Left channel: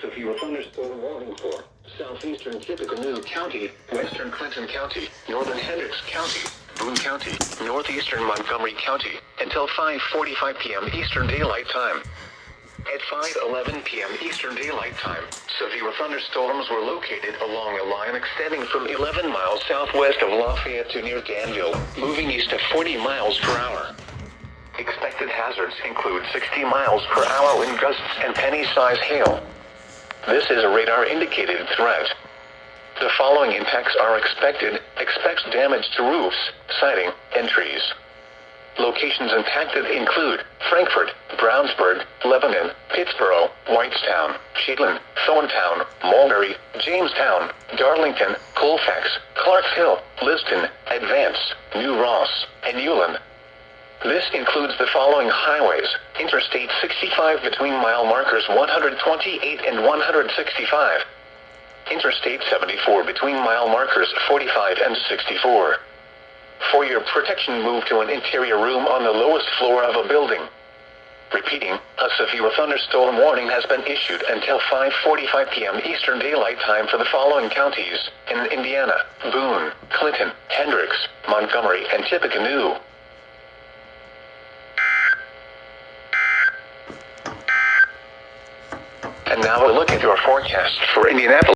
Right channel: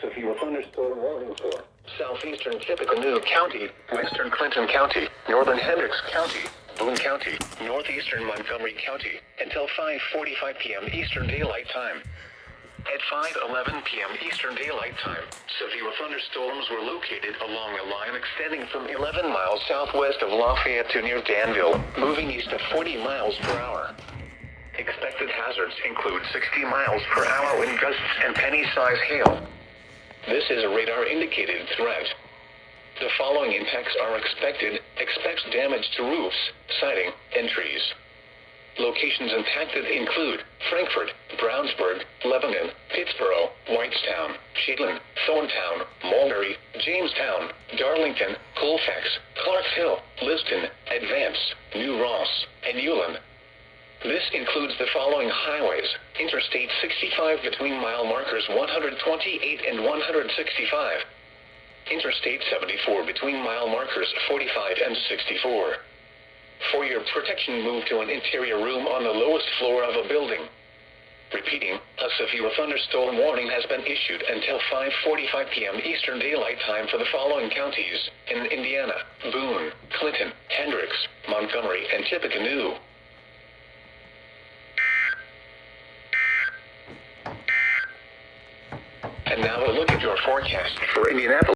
severe thunderstorm warning for southeastern Tippecanoe County, western Clinton County, northern Hendricks County, Boone County, northeastern Montgomery County, until 5:45 p.m. Eastern Daylight Time. At 5:11 p.m. Eastern Daylight Time, severe thunderstorms were located along a line extending from 11 miles southwest of Lafayette to near Danville, moving east at 40 miles per hour. Expected hazards include 60 miles per hour wind gusts and penny-size hail. This is a radar-indicated threat. The following impacts are expected. Expect damage to roofs, siding, and trees. Locations impacted include Frankfort, Brownsburg, Lebanon, Pittsboro, Whitestown, Shetland, Thorntown, Mulberry, Jamestown, Darlington, Colfax, Clarks Hill, Liston, Advance, New Ross, and Ulen. This includes the following highways: Interstate 65 between mile markers 128 and 165. Interstate 74 between mile markers 45 and 64. For your protection, move to an interior room on the lowest floor of a building. Repeating, a severe thunderstorm warning has been issued until 5:45 p.m. Eastern Daylight Time for the following counties in Indiana: Boone, Clinton, Hendricks, Montgomery, and Tippecanoe. And now a look at your forecast for Indianapolis.